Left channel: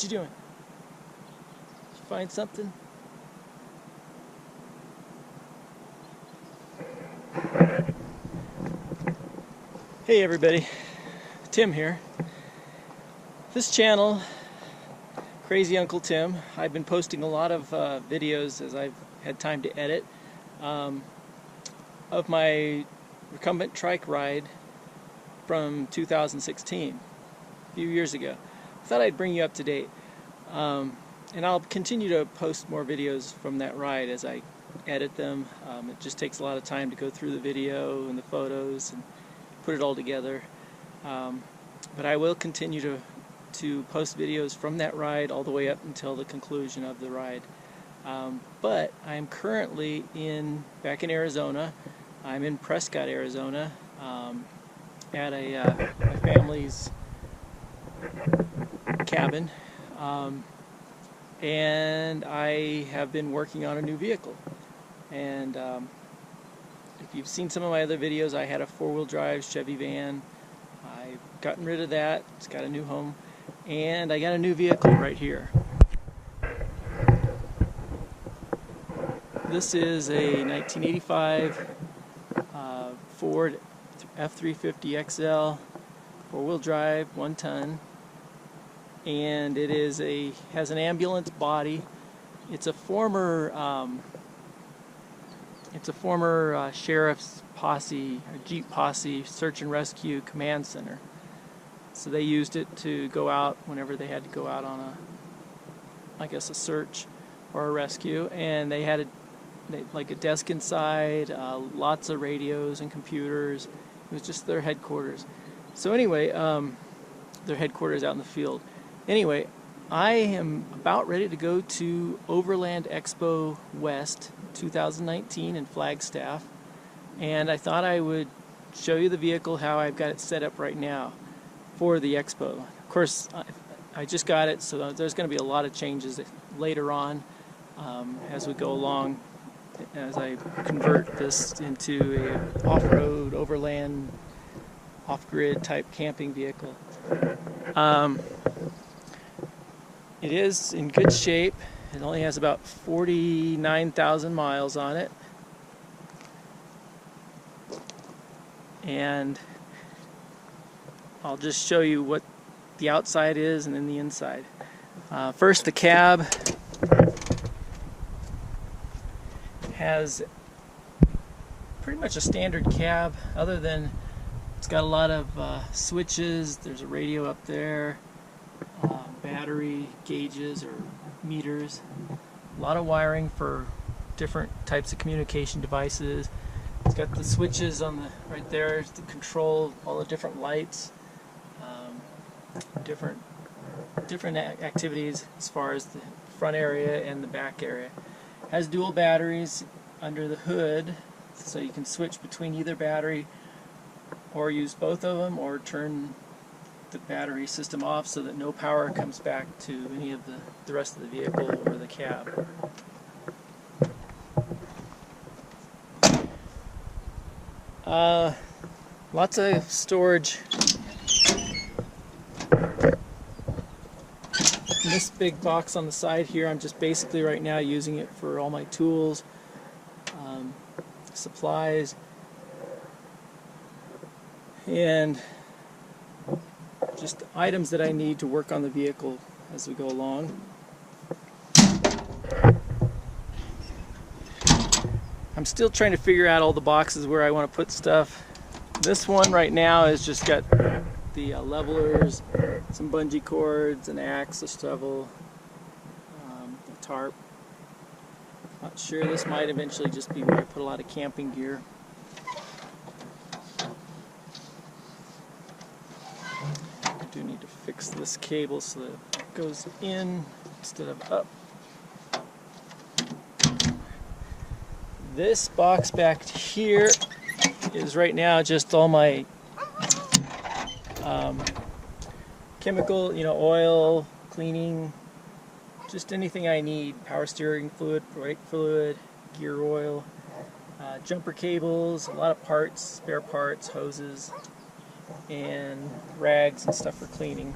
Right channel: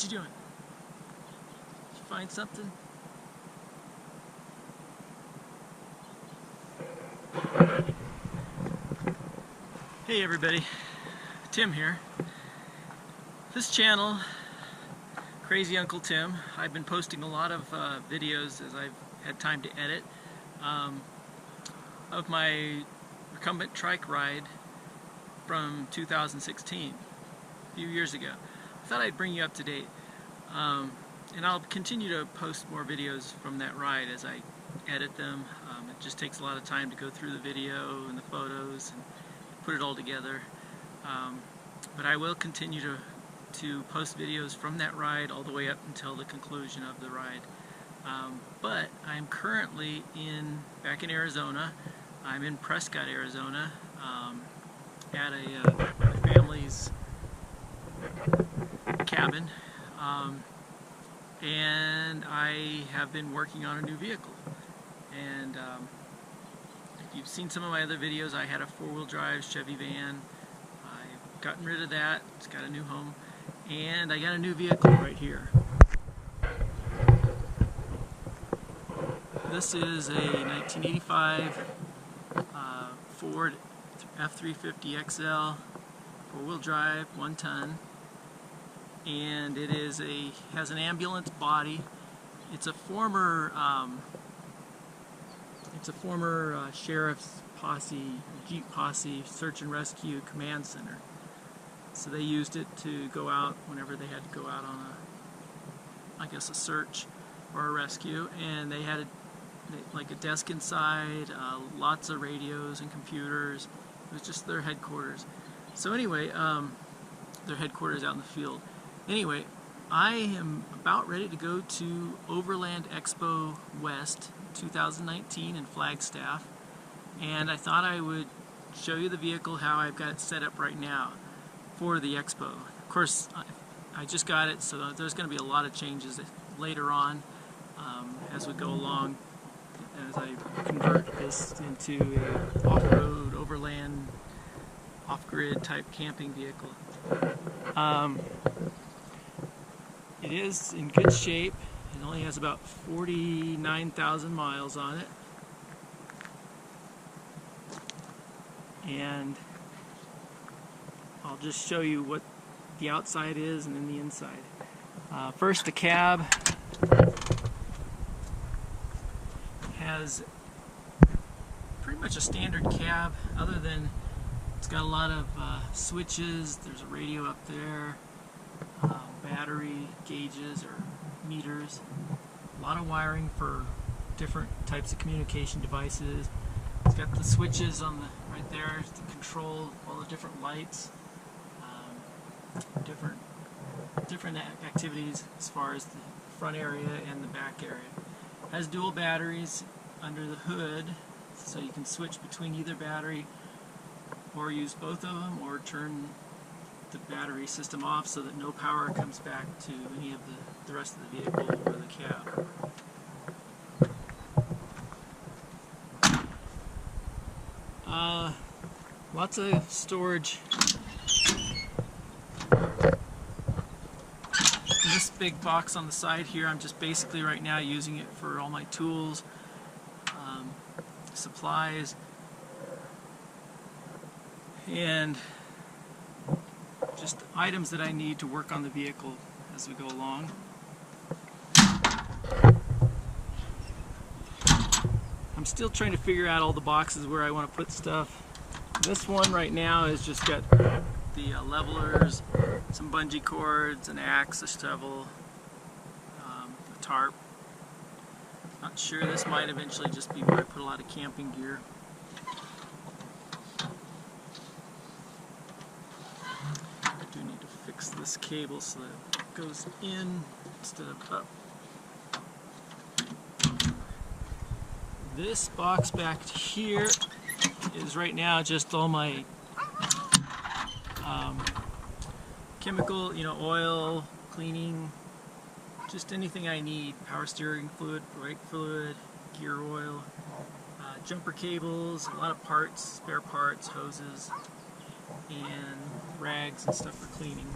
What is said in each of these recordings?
What you doing? Did you find something? Hey everybody, Tim here. This channel, Crazy Uncle Tim, I've been posting a lot of videos as I've had time to edit of my recumbent trike ride from 2016, a few years ago. I thought I'd bring you up to date, and I'll continue to post more videos from that ride as I edit them. It just takes a lot of time to go through the video and the photos and put it all together, but I will continue to post videos from that ride all the way up until the conclusion of the ride. But I'm currently back in Arizona. I'm in Prescott, Arizona, at my family's cabin, and I have been working on a new vehicle. And if you've seen some of my other videos, I had a four-wheel drive Chevy van. I've gotten rid of that. It's got a new home, and I got a new vehicle right here. This is a 1985 Ford F350 XL, four-wheel drive, 1 ton, and it has an ambulance body. It's a former sheriff's posse, a Jeep posse, search and rescue command center. So they used it to go out whenever they had to go out on a search or a rescue, and they had like a desk inside, lots of radios and computers. It was just their headquarters. So anyway, their headquarters out in the field. Anyway, I am about ready to go to Overland Expo West 2019 in Flagstaff, and I thought I would show you the vehicle, how I've got it set up right now for the expo. Of course, I just got it, so there's going to be a lot of changes later on as we go along, as I convert this into a off-road, overland, off-grid type camping vehicle. It is in good shape. It only has about 49,000 miles on it. And I'll just show you what the outside is and then the inside. First, the cab has pretty much a standard cab, other than it's got a lot of switches. There's a radio up there, battery gauges or meters, a lot of wiring for different types of communication devices. It's got the switches on right there to control all the different lights, different activities as far as the front area and the back area. It has dual batteries under the hood, so you can switch between either battery or use both of them, or turn the battery system off so that no power comes back to any of the rest of the vehicle or the cab. Lots of storage. This big box on the side here, I'm just basically right now using it for all my tools, supplies, and just items that I need to work on the vehicle as we go along. I'm still trying to figure out all the boxes where I want to put stuff. This one right now has just got the levelers, some bungee cords, an axe, a shovel, a tarp. Not sure, this might eventually just be where I put a lot of camping gear. I do need to fix this cable so that it goes in instead of up. This box back here is right now just all my chemical, oil, cleaning, just anything I need. Power steering fluid, brake fluid, gear oil, jumper cables, a lot of parts, spare parts, hoses, and rags and stuff for cleaning.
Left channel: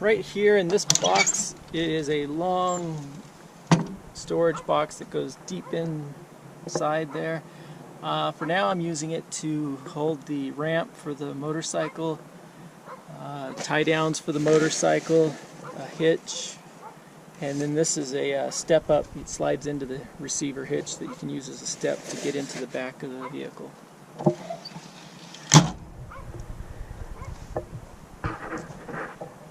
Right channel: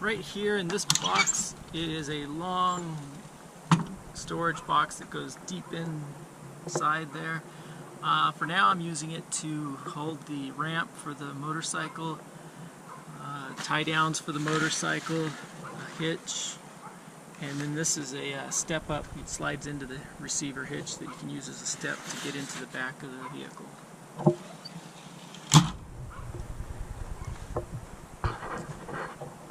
right here in this box, it is a long storage box that goes deep inside there. For now I'm using it to hold the ramp for the motorcycle, tie downs for the motorcycle, a hitch, and then this is a step up. It slides into the receiver hitch that you can use as a step to get into the back of the vehicle.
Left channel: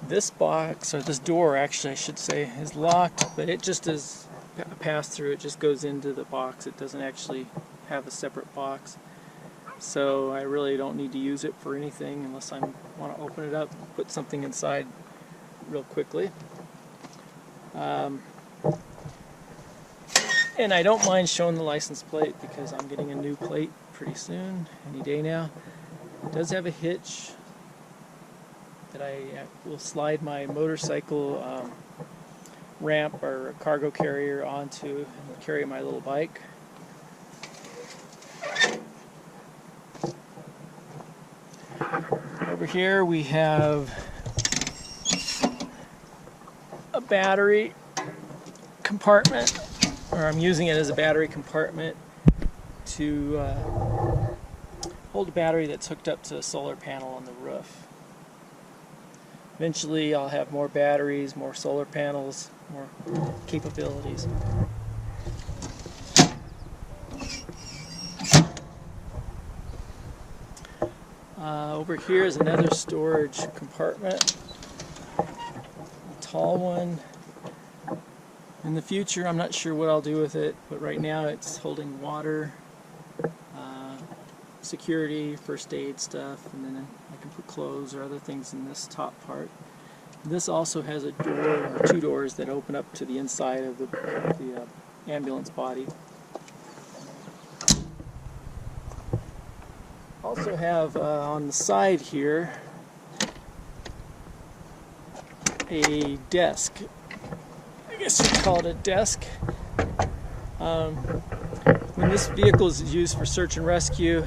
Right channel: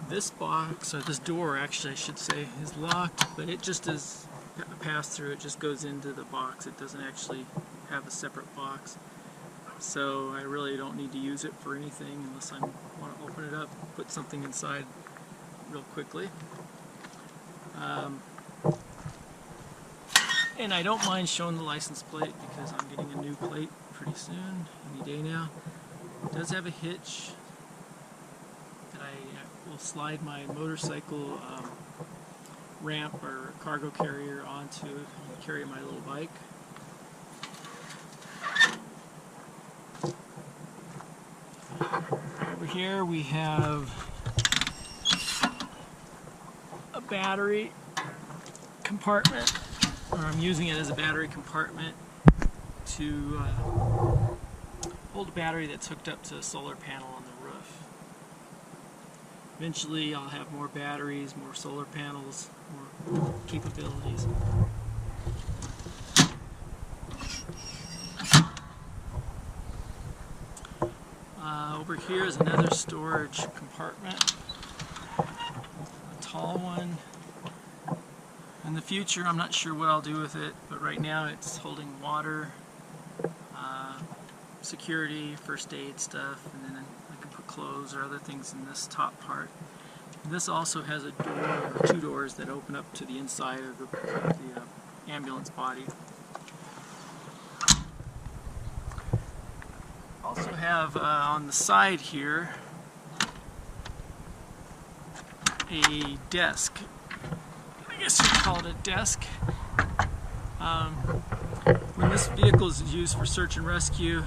This box, or this door actually I should say, is locked, but it just is a pass-through. It just goes into the box. It doesn't actually have a separate box. So I really don't need to use it for anything unless I want to open it up, put something inside real quickly. And I don't mind showing the license plate because I'm getting a new plate pretty soon, any day now. It does have a hitch that I will slide my motorcycle ramp or cargo carrier onto and carry my little bike. Over here we have a battery compartment, or I'm using it as a battery compartment to hold a battery that's hooked up to a solar panel on the roof. Eventually I'll have more batteries, more solar panels, more capabilities. Over here is another storage compartment, a tall one. In the future I'm not sure what I'll do with it, but right now it's holding water, security, first aid stuff, and then I can put clothes or other things in this top part. This also has a door, or two doors, that open up to the inside of the ambulance body. Also have on the side here a desk. I guess you'd call it a desk. When this vehicle is used for search and rescue,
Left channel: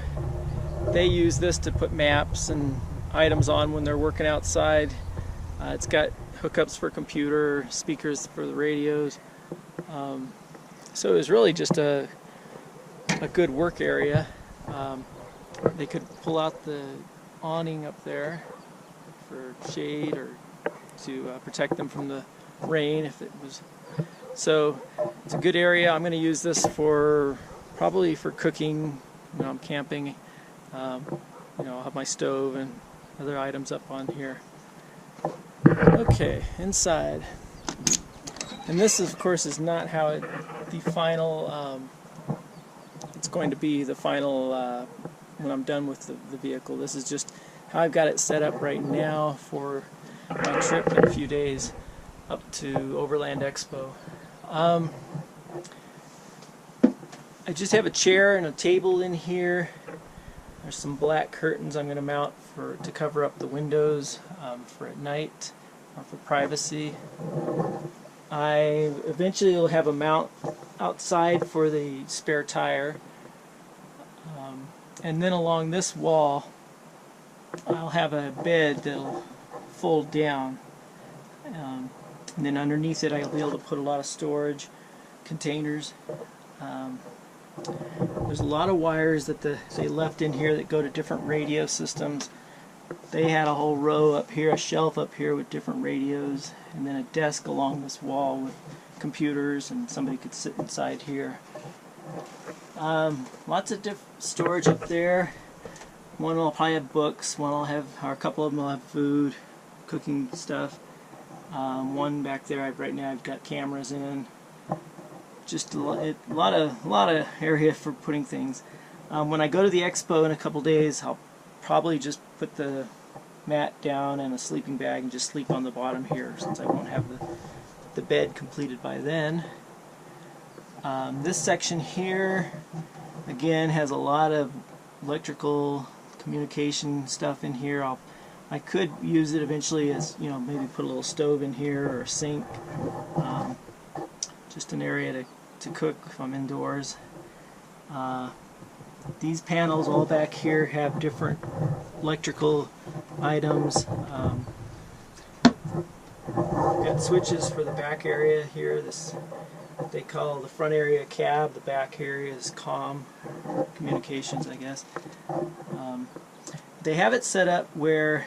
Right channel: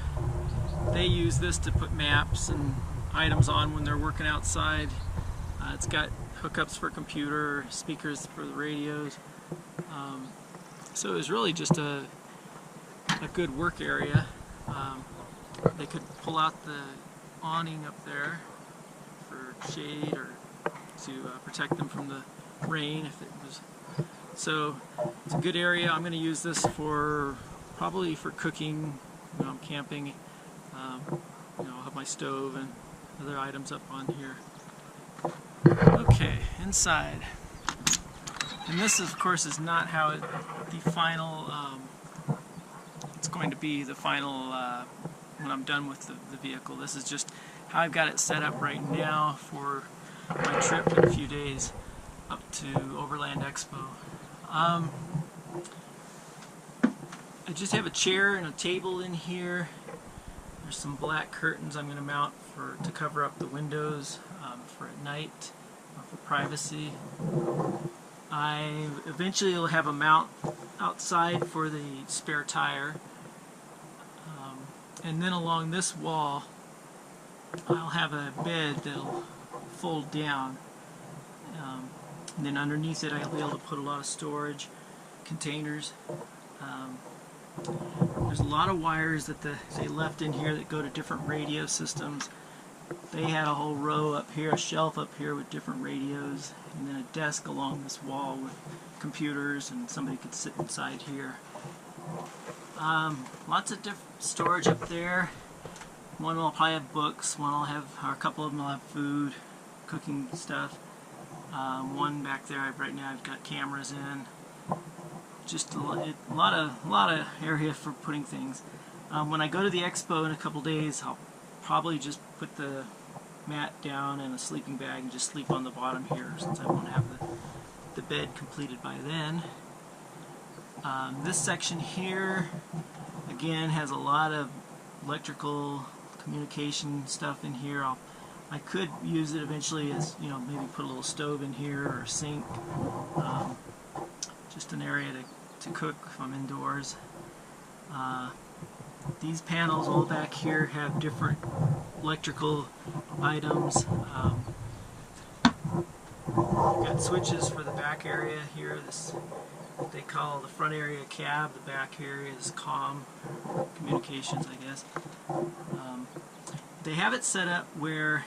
they use this to put maps and items on when they're working outside. It's got hookups for computer, speakers for the radios. So it was really just a good work area. They could pull out the awning up there for shade or to protect them from the rain if it was. So it's a good area. I'm going to use this for probably for cooking when I'm camping. I'll have my stove and other items up on here. Okay, inside. And this, of course, is not how the final, it's going to be the final when I'm done with the vehicle. This is just how I've got it set up right now for my trip in a few days up to Overland Expo. I just have a chair and a table in here. There's some black curtains I'm going to mount to cover up the windows for at night or for privacy. I eventually will have a mount outside for the spare tire. And then along this wall I'll have a bed that'll fold down. And then underneath it I'll be able to put a lot of storage containers. There's a lot of wires that they left in here that go to different radio systems. They had a whole row up here, a shelf up here with different radios, and then a desk along this wall with computers, and somebody could sit inside here. Lots of different storage up there. One will probably have books, one will have, or a couple of them will have food, cooking stuff. One back there, right now I've got cameras in. Just a lot of area for putting things. When I go to the expo in a couple days, I'll probably just put the mat down and a sleeping bag and just sleep on the bottom here, since I won't have the bed completed by then. This section here, again, has a lot of electrical communication stuff in here. I could use it eventually as, maybe put a little stove in here or a sink. Just an area to cook if I'm indoors. These panels all back here have different electrical items. I've got switches for the back area here. This what they call the front area cab. The back area is comm, communications, I guess. They have it set up where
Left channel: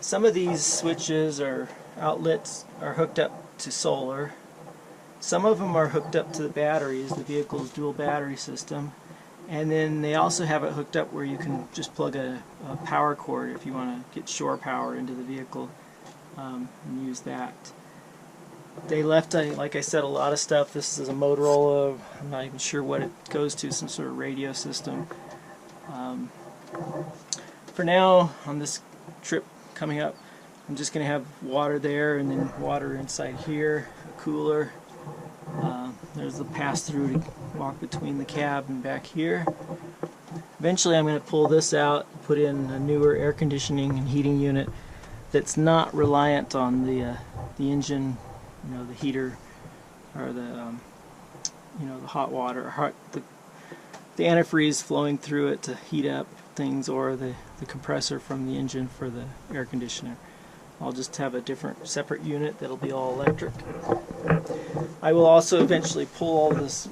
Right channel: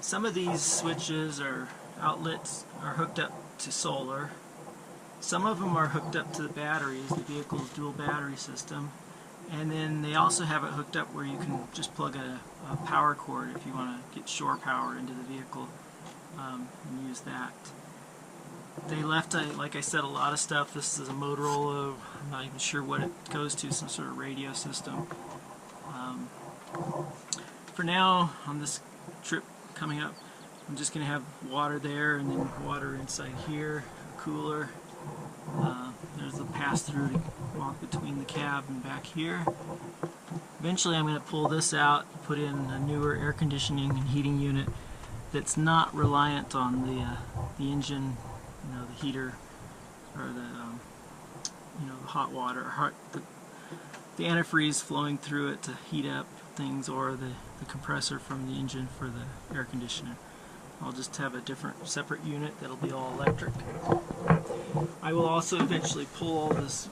some of these switches or outlets are hooked up to solar. Some of them are hooked up to the batteries, the vehicle's dual battery system. And then they also have it hooked up where you can just plug a power cord if you want to get shore power into the vehicle and use that. They left, like I said, a lot of stuff. This is a Motorola, I'm not even sure what it goes to, some sort of radio system. For now, on this trip coming up, I'm just going to have water there and then water inside here, a cooler. There's the pass-through to walk between the cab and back here. Eventually I'm going to pull this out, put in a newer air conditioning and heating unit that's not reliant on the engine, you know, the heater or the you know, the hot water, the antifreeze flowing through it to heat up things, or the compressor from the engine for the air conditioner. I'll just have a different separate unit that'll be all electric. I will also eventually pull all this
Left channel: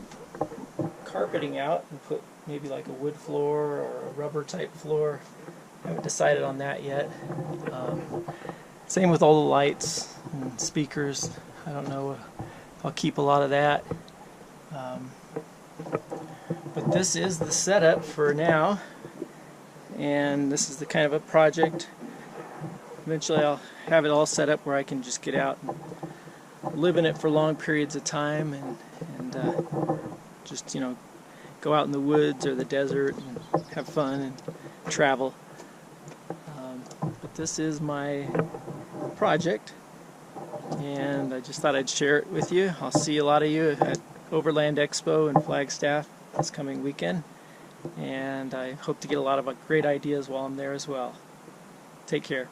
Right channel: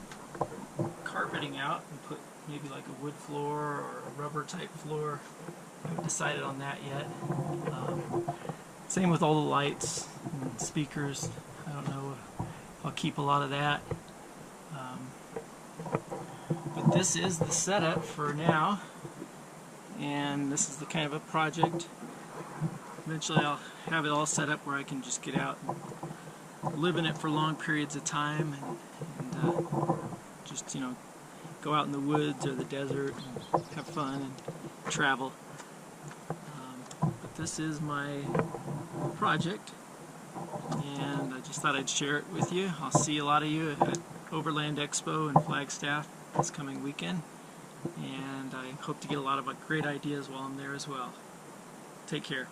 carpeting out and put maybe like a wood floor or a rubber type floor. I haven't decided on that yet. Same with all the lights and speakers. I don't know if I'll keep a lot of that. But this is the setup for now, and this is the kind of a project. Eventually I'll have it all set up where I can just get out and live in it for long periods of time and just, you know, go out in the woods or the desert and have fun and travel. But this is my project, and I just thought I'd share it with you. I'll see a lot of you at Overland Expo in Flagstaff this coming weekend, and I hope to get a lot of great ideas while I'm there as well. Take care.